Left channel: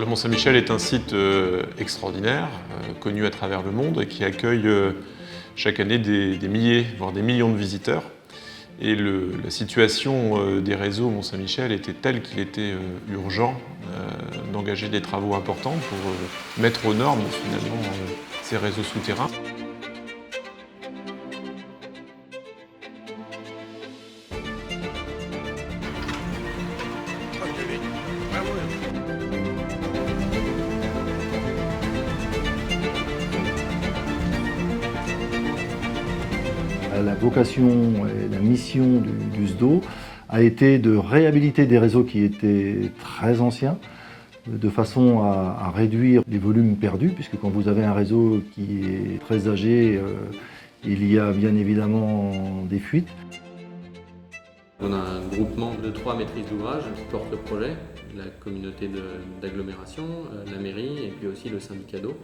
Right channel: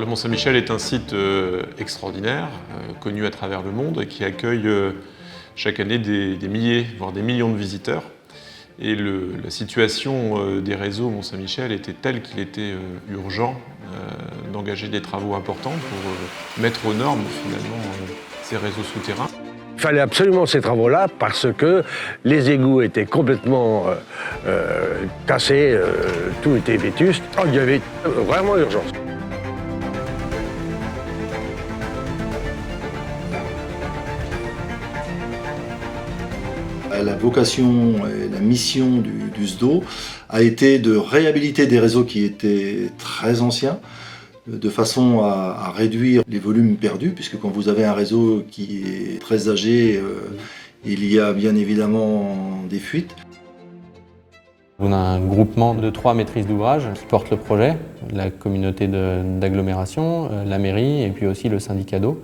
Le Mont-Saint-Michel est un site extraordinaire, connu à travers le monde et qui accueille chaque année des milliers, voire des millions de visiteurs. Et la situation des réseaux au Mont-Saint-Michel était telle qu'il était urgent d'engager des travaux importants pour mettre aux normes finalement ces réseaux souterrains. Il fallait absolument ces travaux-là parce que les égouts étaient complètement cassés, tout était vétuste. Il y avait vraiment urgence. La vocation et la mission du SDO a été de réhabiliter des réseaux qui étaient très anciens, de façon à réduire les volumes perdus, puisque quand vous avez un réseau qui est très âgé, il y a bien évidemment des fuites. On a un groupement de 3 maîtrises d'ouvrage qui portent le projet, la communauté d'agglomération, la mairie et puis aussi le syndicat d'eau.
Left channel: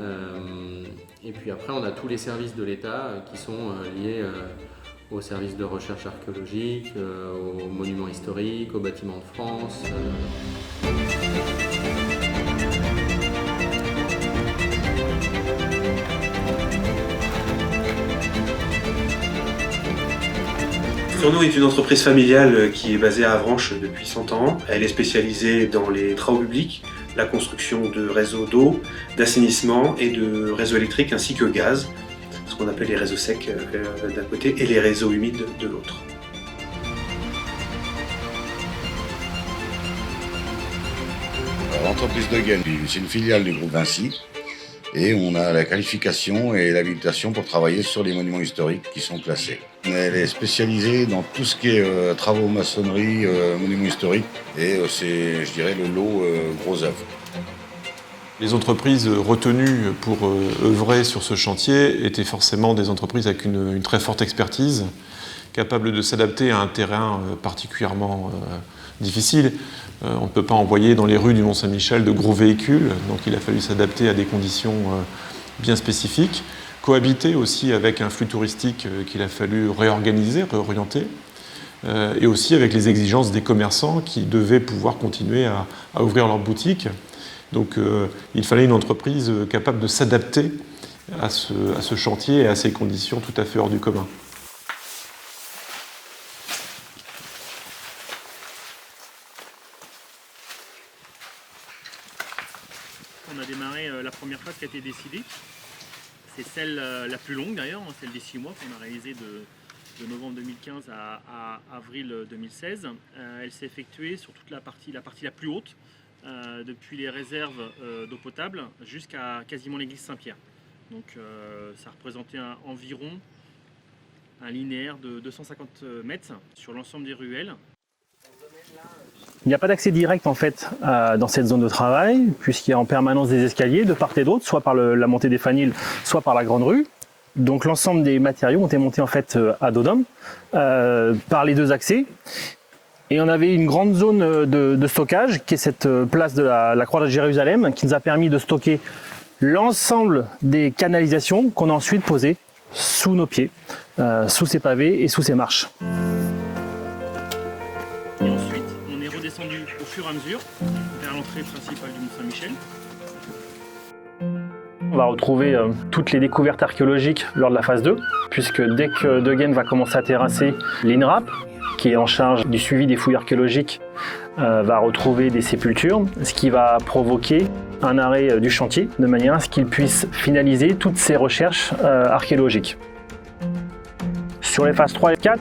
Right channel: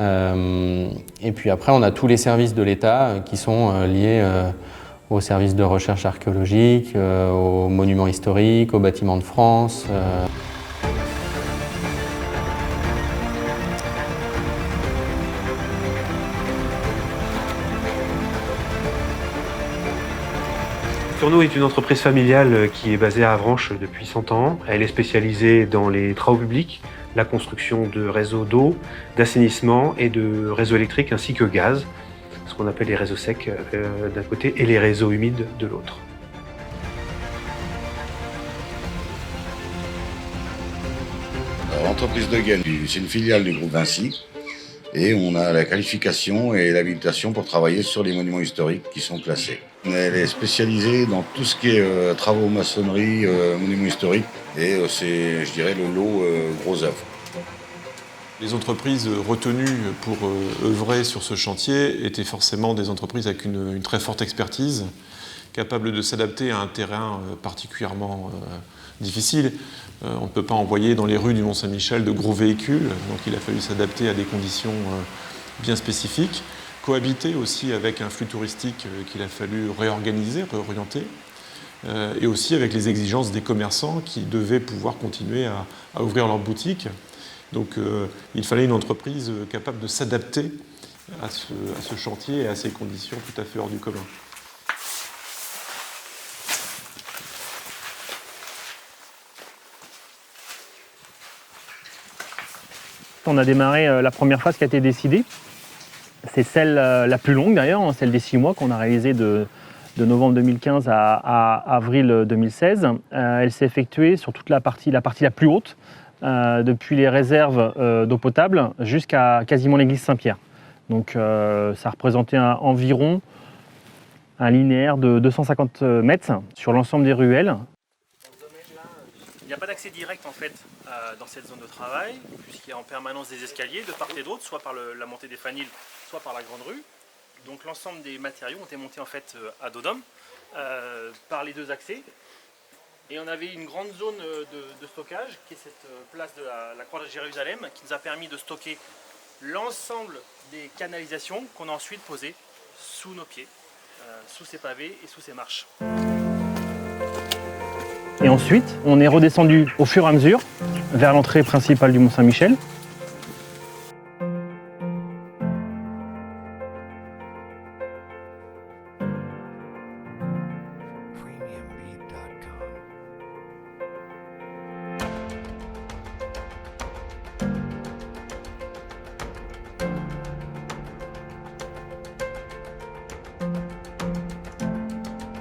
Et puis après, on a tous les services de l'État qui sont liés aux services de recherche archéologique, aux monuments historiques, aux bâtiments de France. Tourneau est une entreprise familiale qui est basée à Avranches depuis 100 ans. Elle est spécialisée dans les travaux publics, la construction de réseaux d'eau, d'assainissement et de réseaux électriques ainsi que gaz, ce qu'on appelle les réseaux secs d'un côté et les réseaux humides de l'autre. L'entreprise de Gaine, c'est une filiale du groupe Vinci et on a la qualification et l'habilitation pour travailler sur les monuments historiques qui sont classés. Elle est spécialisée dans tout ce qui est travaux maçonnerie, monuments historiques et c'est, je dirais, le lot gros œuvres. Les entreprises retenues pour œuvrer sur ce chantier étaient forcément des entreprises avec une très forte expertise, capables de s'adapter à un terrain particulièrement difficile. On ne peut pas envoyer dans les rues du Mont-Saint-Michel de gros véhicules, donc il a fallu s'adapter à des conditions bien spécifiques, cohabiter aussi avec un flux touristique qu'il a fallu réorganiser, réorienter, et aussi avec les exigences des commerçants qui devaient pouvoir continuer à ouvrir leurs boutiques. Donc il fallait une entreprise capable de s'adapter à ce chantier et à ces conditions tout à fait hors du commun. On a démarré la première phase qui a été décidée. C'est celle la plus longue d'ailleurs, celle des 6 mois qu'on a réalisée de novembre 2015 à avril 2016. Elle s'est effectuée sur toute la partie la plus haute, depuis les réserves d'eau potable jusqu'à quasiment l'église Saint-Pierre. Donc ça représentait environ un linéaire de 250 mètres sur l'ensemble des ruelles. Il n'y a pas d'accès direct en fait dans cette zone de travail, puisqu'il y a en permanence des escaliers de part et d'autre, soit par la montée des Faniles, soit par la grande rue. Donc l'ensemble des matériaux ont été montés en fait à dos d'homme par les 2 accès. Et on avait une grande zone de stockage, qui est cette place de la Croix de Jérusalem, qui nous a permis de stocker l'ensemble des canalisations qu'on a ensuite posées sous nos pieds, sous ces pavés et sous ces marches. Et ensuite, on est redescendu au fur et à mesure vers l'entrée principale du Mont-Saint-Michel. On va retrouver toutes les découvertes archéologiques lors de la phase 2, puisque dès que De Gaine va commencer à terrasser, l'INRAP, qui est en charge du suivi des fouilles archéologiques, va retrouver des sépultures, ce qui va provoquer un arrêt du chantier, de manière à ce qu'il puisse finaliser toutes ces recherches archéologiques. Sur les phases 3 et 4,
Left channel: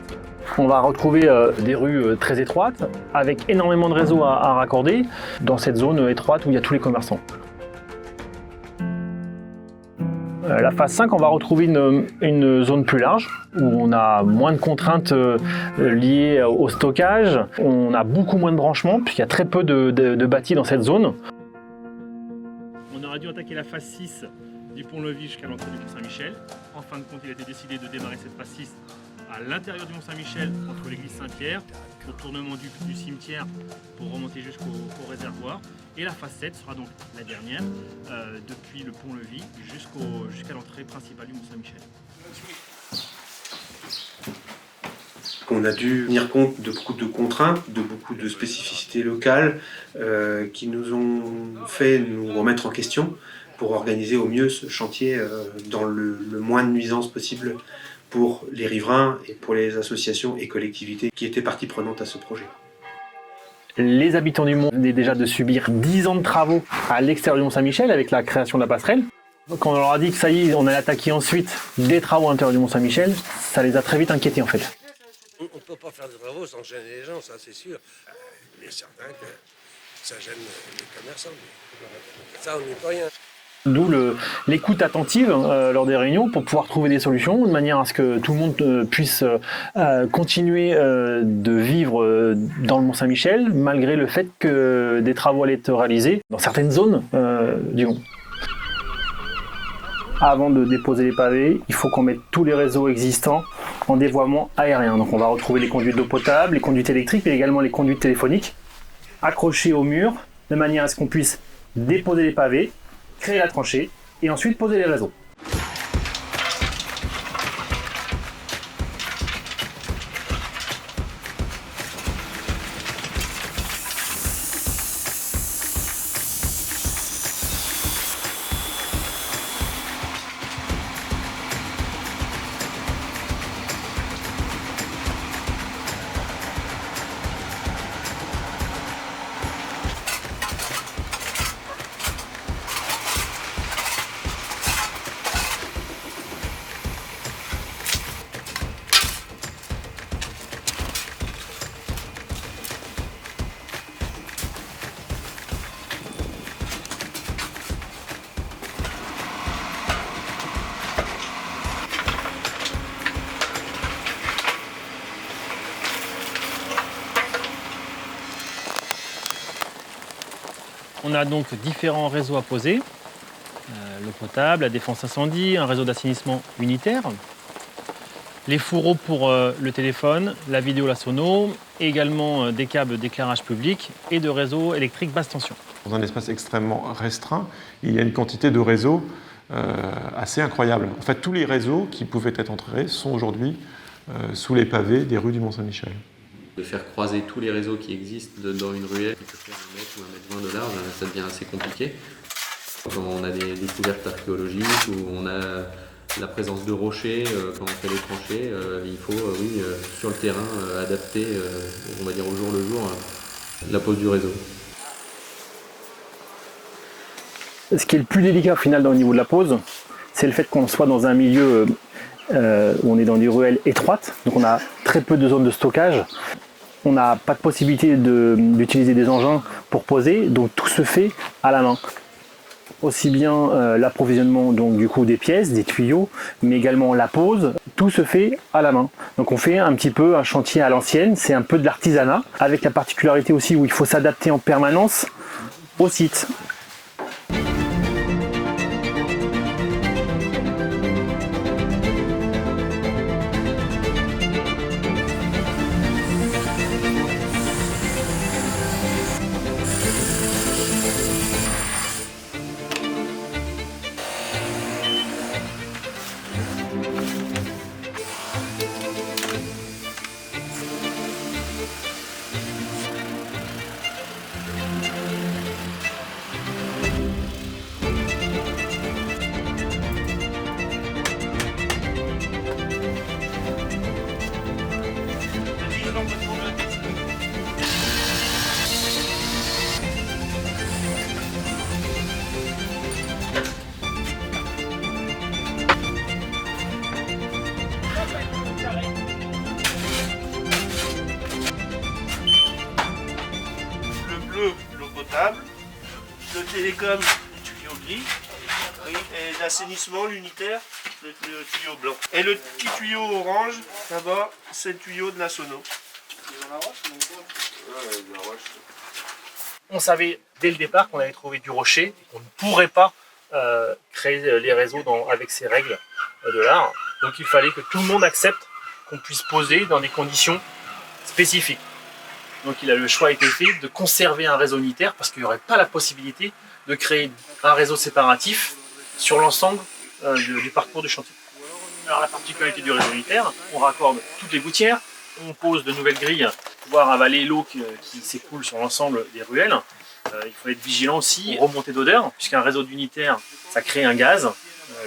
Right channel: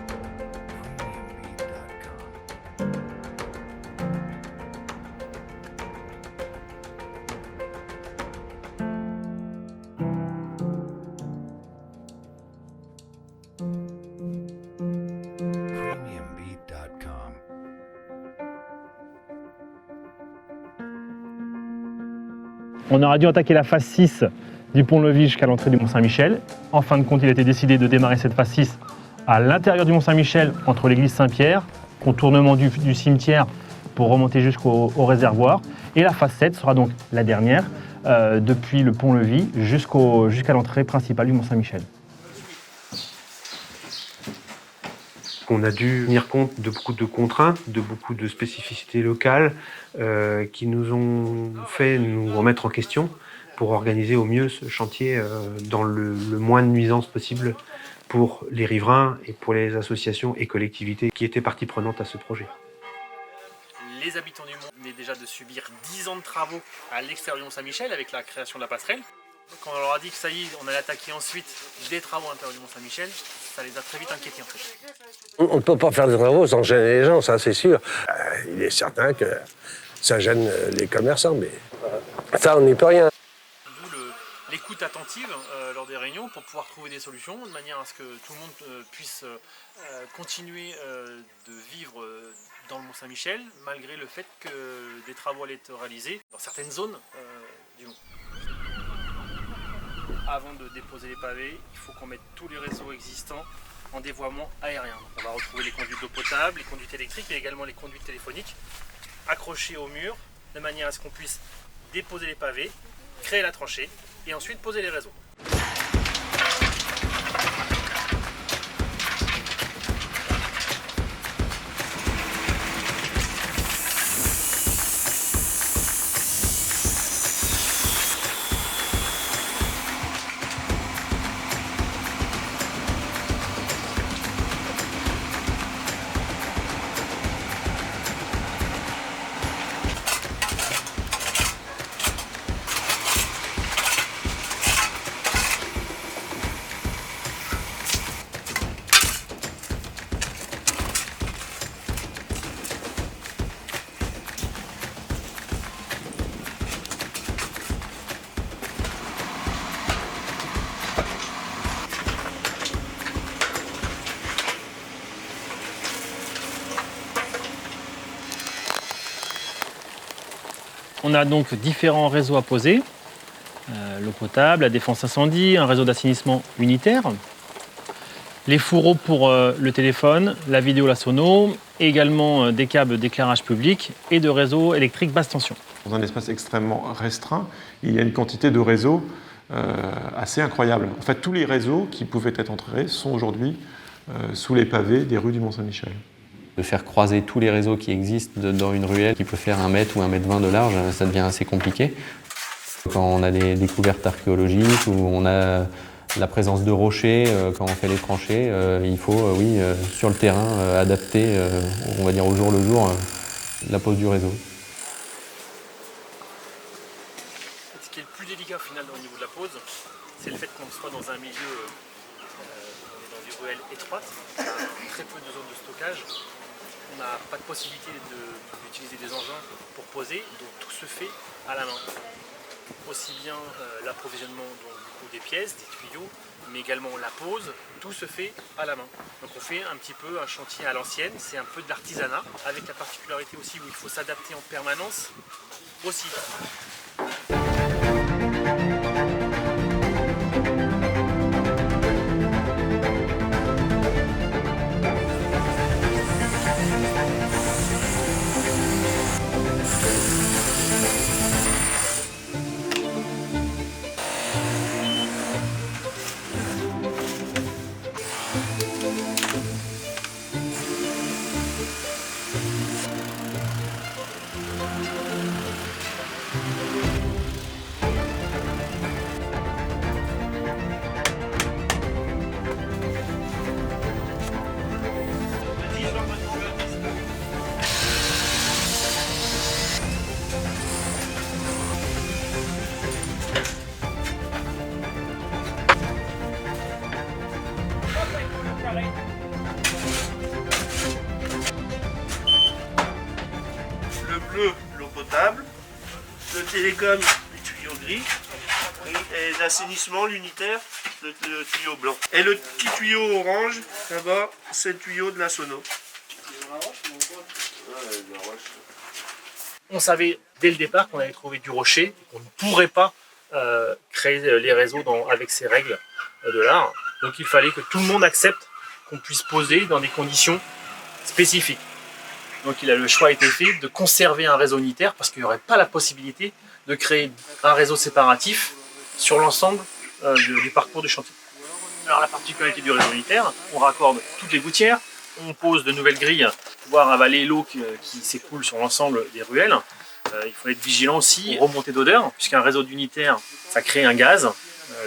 on va retrouver des rues très étroites, avec énormément de réseaux à raccorder, dans cette zone étroite où il y a tous les commerçants. La phase 5, on va retrouver une zone plus large, où on a moins de contraintes liées au stockage, on a beaucoup moins de branchements, puisqu'il y a très peu de bâtis dans cette zone. On aurait dû attaquer la phase 6 du pont-levis jusqu'à l'entrée du Mont-Saint-Michel. En fin de compte, il a été décidé de démarrer cette phase 6 à l'intérieur du Mont-Saint-Michel, entre l'église Saint-Pierre, contournement du cimetière pour remonter jusqu'au réservoir. Et la phase 7 sera donc la dernière, depuis le pont-levis jusqu'à l'entrée principale du Mont-Saint-Michel. qu'on a dû tenir compte de beaucoup de contraintes, de beaucoup de spécificités locales qui nous ont fait nous remettre en question pour organiser au mieux ce chantier dans le moins de nuisances possible pour les riverains et pour les associations et collectivités qui étaient partie prenante à ce projet. Les habitants du Mont venaient déjà de subir 10 ans de travaux à l'extérieur du Mont-Saint-Michel avec la création de la passerelle. Quand on leur a dit que ça y est, on allait attaquer ensuite des travaux à l'intérieur du Mont-Saint-Michel, ça les a très vite inquiétés en fait. On ne peut pas faire des travaux sans gêner les gens, ça c'est sûr. Il est certain que ça gêne les commerçants, mais ça on n'y peut rien. D'où l'écoute attentive lors des réunions pour pouvoir trouver des solutions de manière à ce que tout le monde puisse continuer de vivre dans le Mont-Saint-Michel malgré le fait que des travaux allaient être réalisés dans certaines zones du Mont. Avant de déposer les pavés, il faut qu'on mette tous les réseaux existants en dévoiement aérien. Donc on va retrouver les conduites d'eau potable, les conduites électriques et également les conduites téléphoniques accrochées au mur de manière à ce qu'on puisse déposer les pavés, créer la tranchée et ensuite poser les réseaux. On a donc différents réseaux à poser, l'eau potable, la défense incendie, un réseau d'assainissement unitaire, les fourreaux pour le téléphone, la vidéo, la sono, et également des câbles d'éclairage public et de réseaux électriques basse tension. Dans un espace extrêmement restreint, il y a une quantité de réseaux assez incroyable. En fait, tous les réseaux qui pouvaient être enterrés sont aujourd'hui sous les pavés des rues du Mont-Saint-Michel. De faire croiser tous les réseaux qui existent dans une ruelle qui peut faire 1 mètre ou 1,20 m de large, ça devient assez compliqué. Quand on a des découvertes archéologiques ou on a la présence de rochers, quand on fait les tranchées, il faut, sur le terrain, adapter, on va dire au jour le jour, la pose du réseau. Ce qui est le plus délicat au final au niveau de la pose, c'est le fait qu'on soit dans un milieu où on est dans des ruelles étroites, donc on a très peu de zones de stockage. On n'a pas de possibilité d'utiliser des engins pour poser, donc tout se fait à la main. Aussi bien l'approvisionnement donc du coup des pièces, des tuyaux, mais également la pose, tout se fait à la main. Donc on fait un petit peu un chantier à l'ancienne, c'est un peu de l'artisanat, avec la particularité aussi où il faut s'adapter en permanence au site. L'eau potable, le télécom, les tuyaux gris, et l'assainissement, l'unitaire, le tuyau blanc. Et le petit tuyau orange, là-bas, c'est le tuyau de la sono. On savait dès le départ qu'on allait trouver du rocher et qu'on ne pourrait pas créer les réseaux avec ces règles de l'art. Donc il fallait que tout le monde accepte qu'on puisse poser dans des conditions spécifiques. Donc le choix a été fait de conserver un réseau unitaire parce qu'il n'y aurait pas la possibilité de créer un réseau séparatif sur l'ensemble du parcours du chantier. Alors la particularité du réseau unitaire, on raccorde toutes les gouttières, on pose de nouvelles grilles pour pouvoir avaler l'eau qui s'écoule sur l'ensemble des ruelles. Il faut être vigilant aussi aux remontées d'odeur, puisqu'un réseau d'unitaires, ça crée un gaz.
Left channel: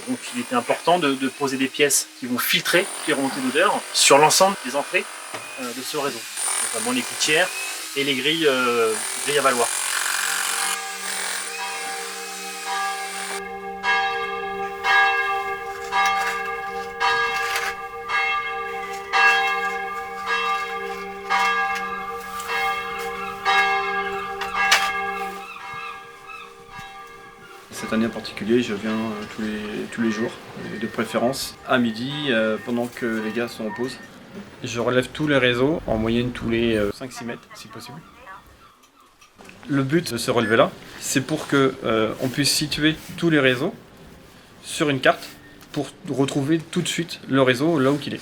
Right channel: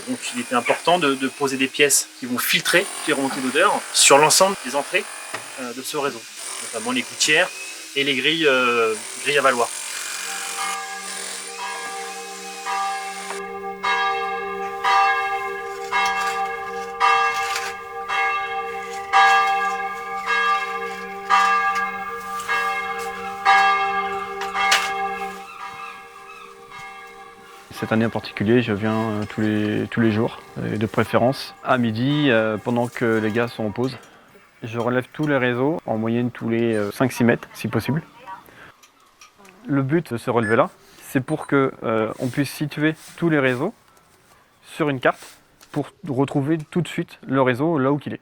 Donc il était important de poser des pièces qui vont filtrer toutes les remontées d'odeur sur l'ensemble des entrées de ce réseau, notamment les gouttières et les grilles à valoir. Cette année en particulier, je viens tous les jours, et de préférence à midi, pendant que les gars sont en pause. Je relève tous les réseaux, en moyenne tous les 5-6 mètres, si possible. Le but de ce relevé-là, c'est pour qu'on puisse situer tous les réseaux sur une carte pour retrouver tout de suite le réseau là où il est.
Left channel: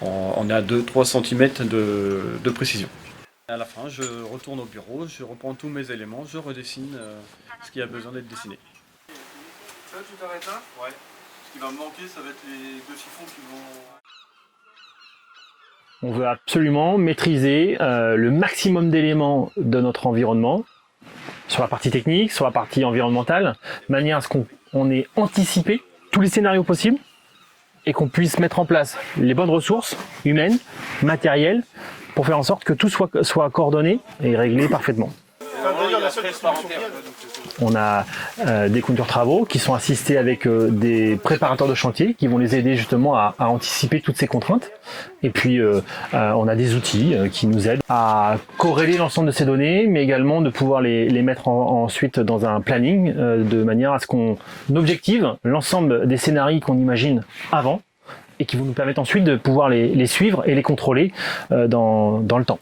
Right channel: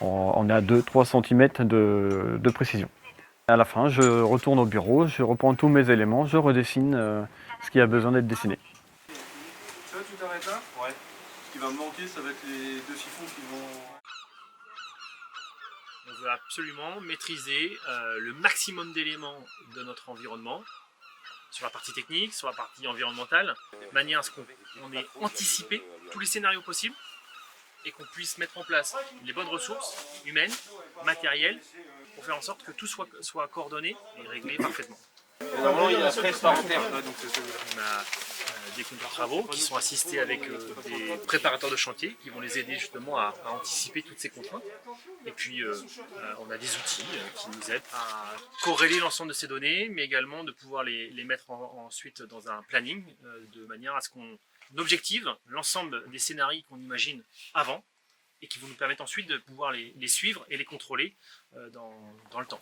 On est à 2-3 cm de précision. À la fin, je retourne au bureau, je reprends tous mes éléments, je redessine ce qui a besoin d'être dessiné. Ça, tu t'arrêtes là? Ouais. Ce qui va me manquer, ça va être les 2 siphons qui vont... On veut absolument maîtriser le maximum d'éléments de notre environnement, sur la partie technique, sur la partie environnementale, de manière à ce qu'on ait anticipé tous les scénarios possibles et qu'on puisse mettre en place les bonnes ressources humaines, matérielles, pour faire en sorte que tout soit coordonné et réglé parfaitement. On a des conducteurs travaux qui sont assistés avec des préparateurs de chantier qui vont les aider justement à anticiper toutes ces contraintes. Et puis on a des outils qui nous aident à corréler l'ensemble de ces données, mais également de pouvoir les mettre ensuite dans un planning de manière à ce qu'on objective l'ensemble des scénarios qu'on imagine avant et qui vont nous permettre ensuite de pouvoir les suivre et les contrôler dans le temps.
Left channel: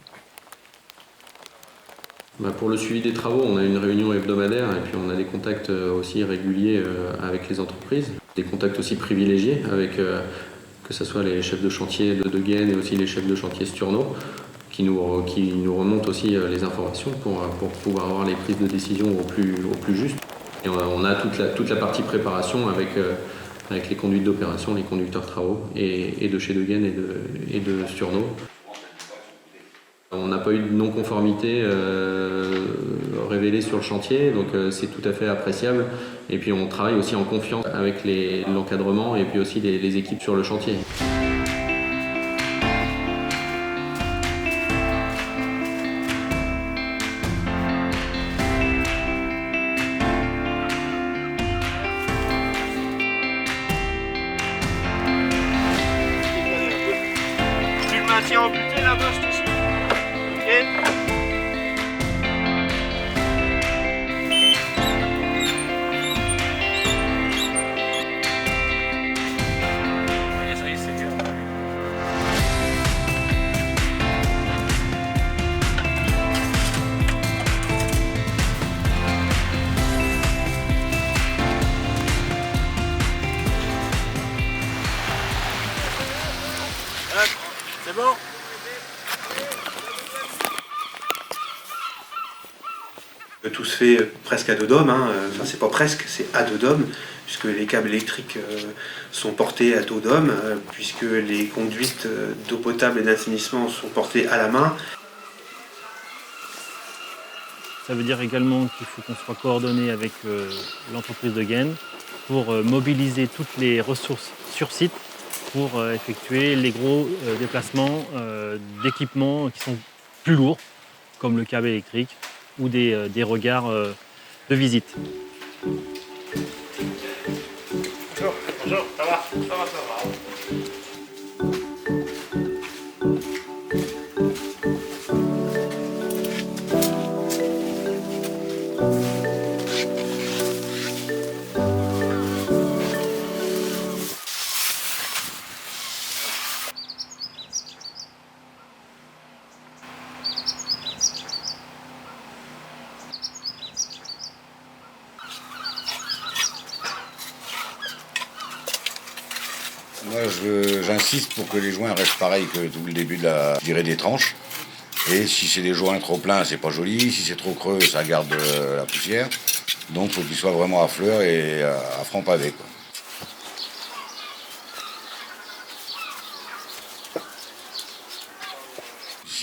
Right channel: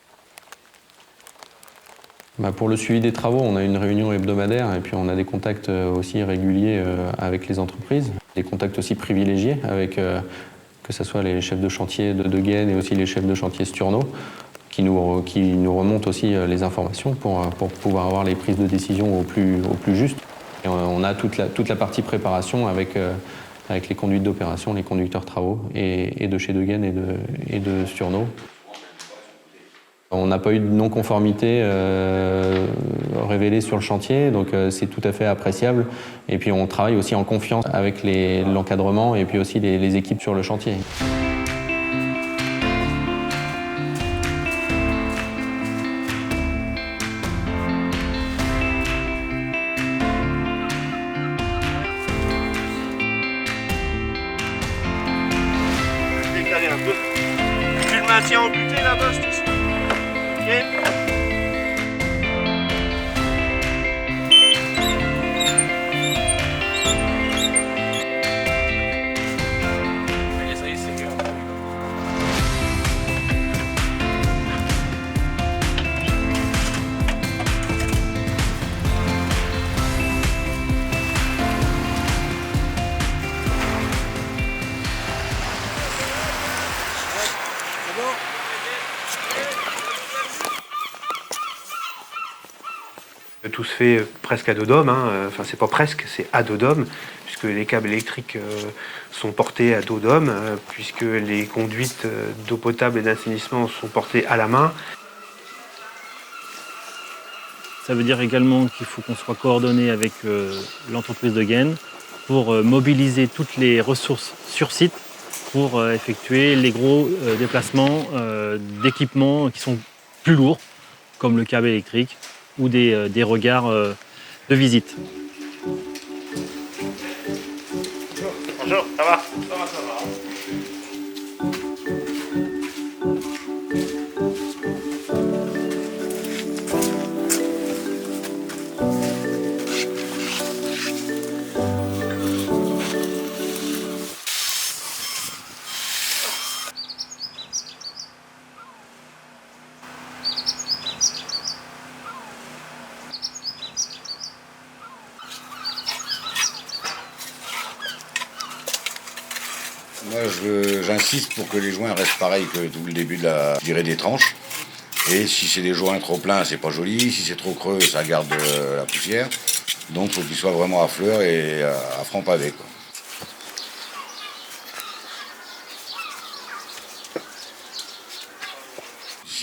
Pour le suivi des travaux, on a une réunion hebdomadaire et puis on a des contacts aussi réguliers avec les entreprises. Des contacts aussi privilégiés avec que ce soit les chefs de chantier de Gaine et aussi les chefs de chantier Sturno qui nous remontent aussi les informations pour pouvoir avoir les prises de décision au plus juste. Et on a toute la partie préparation avec les conduites d'opération, les conducteurs travaux et de chez De Gaine et de Sturno. On n'a pas eu de non-conformité révélée sur le chantier, donc c'est tout à fait appréciable. Et puis on travaille aussi en confiance avec l'encadrement et puis aussi les équipes sur le chantier. Décaler un peu. Tu le maintiens en buté là-bas, je te suis. Ok. Ça y est, c'est bien. C'est bon? Tout se fait presque à dos d'homme, enfin c'est pas presque, c'est à dos d'homme, puisque les câbles électriques sont portés à dos d'homme, puisque les conduites d'eau potable et d'assainissement sont portées à la main. Ça veut dire également qu'il faut qu'on soit coordonné avec l'entreprise de Gaine pour mobiliser toutes les ressources sur site pour effectuer les gros déplacements d'équipements qui sont plus lourds, comme le câble électrique ou des regards de visite. Bonjour, ça va? Ça va. Moi, j'insiste pour que les joints restent pareils que tout le début de la durée des tranches. Et si c'est des joints trop pleins, c'est pas joli. Si c'est trop creux, ça garde la poussière. Donc, il faut qu'ils soient vraiment à fleur et à franc pavé, quoi.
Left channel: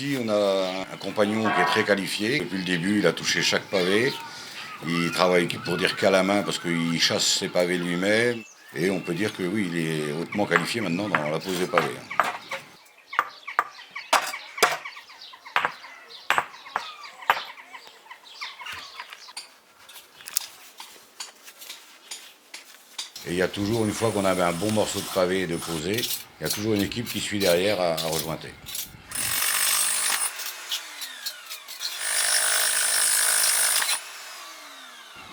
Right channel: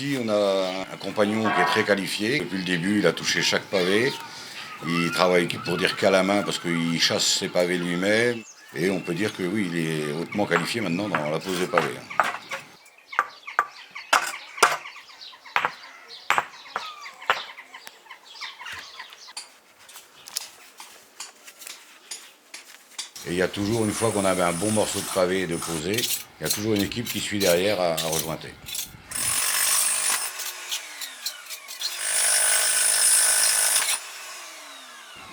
Ici, on a un compagnon qui est très qualifié. Depuis le début, il a touché chaque pavé. Il travaille, pour dire qu'à la main, parce qu'il chasse ses pavés lui-même. Et on peut dire que oui, il est hautement qualifié maintenant dans la pose des pavés. Et il y a toujours, une fois qu'on avait un bon morceau de pavé de poser, il y a toujours une équipe qui suit derrière à rejointer.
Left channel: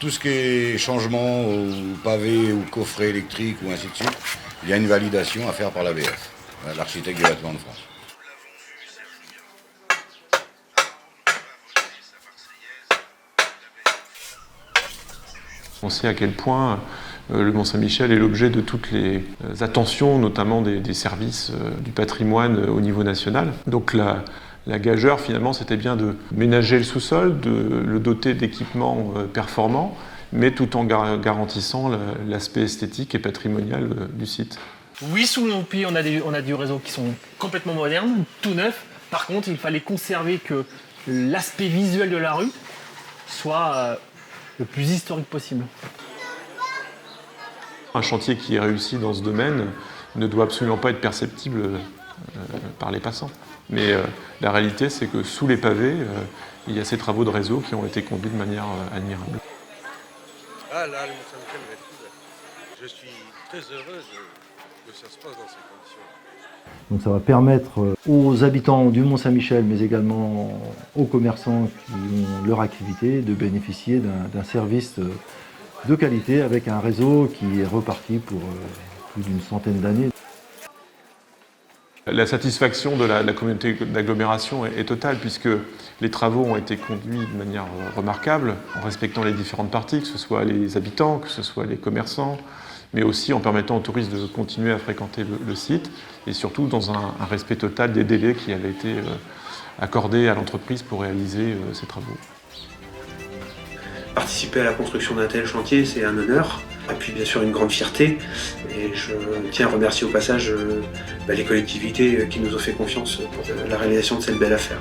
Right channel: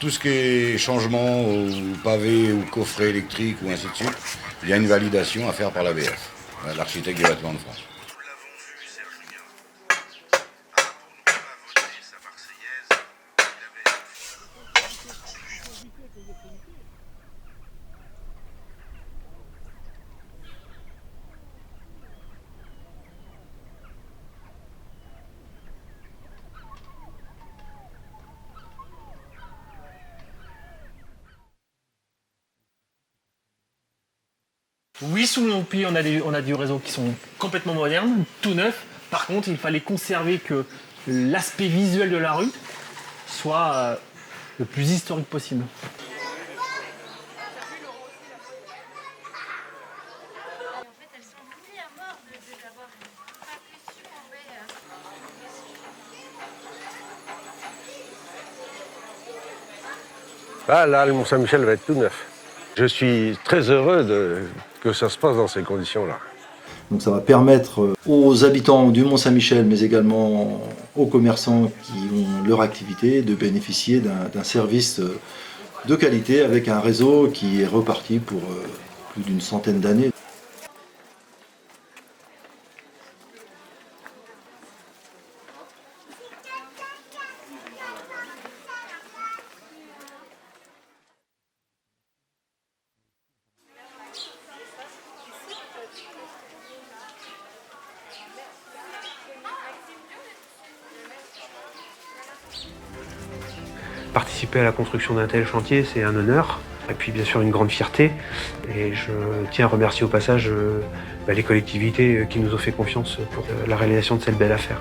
Tout ce qui est changement au pavé ou coffret électrique ou ainsi de suite, il y a une validation à faire par l'ABF, l'architecte des bâtiments de France. On sait à quel point le Mont-Saint-Michel est l'objet de toutes les attentions, notamment des services du patrimoine au niveau national. Donc la gageure, finalement, c'était bien de ménager le sous-sol, de le doter d'équipements performants, mais tout en garantissant l'aspect esthétique et patrimonial du site. Oui, sous nos pieds, on a des réseaux qui sont complètement modernes, tout neufs. Par contre, il fallait conserver que l'aspect visuel de la rue soit le plus historique possible. Un chantier qui est réussi dans ce domaine ne doit absolument pas être perceptible par les passants. Mais la réalité, c'est que sous les pavés, il y a ces travaux de réseau qui ont été conduits de manière admirable. Là, le Mont-Saint-Michel va être tout neuf. Je suis très heureux que ça se passe dans ces conditions-là. Donc ça va permettre aux habitants du Mont-Saint-Michel, mais également aux commerçants qui ont leur activité, de bénéficier d'un service de qualité avec un réseau qui est reparti pour plus d'une centaine d'années. La satisfaction de la communauté d'agglomération est totale puisque les travaux ont été conduits de manière remarquable en respectant les différentes parties, que ce soit les habitants, que ce soit les commerçants, mais aussi en permettant aux touristes de continuer à fréquenter le site et surtout dans un respect total des délais qui avaient été accordés à l'entreprise pour réaliser ces travaux. Participer à la construction d'un tel chantier, c'est un honneur, et puis bien sûr une grande fierté. Et je tiens à remercier au passage les collectivités qui nous ont fait confiance pour la réalisation de cette belle affaire.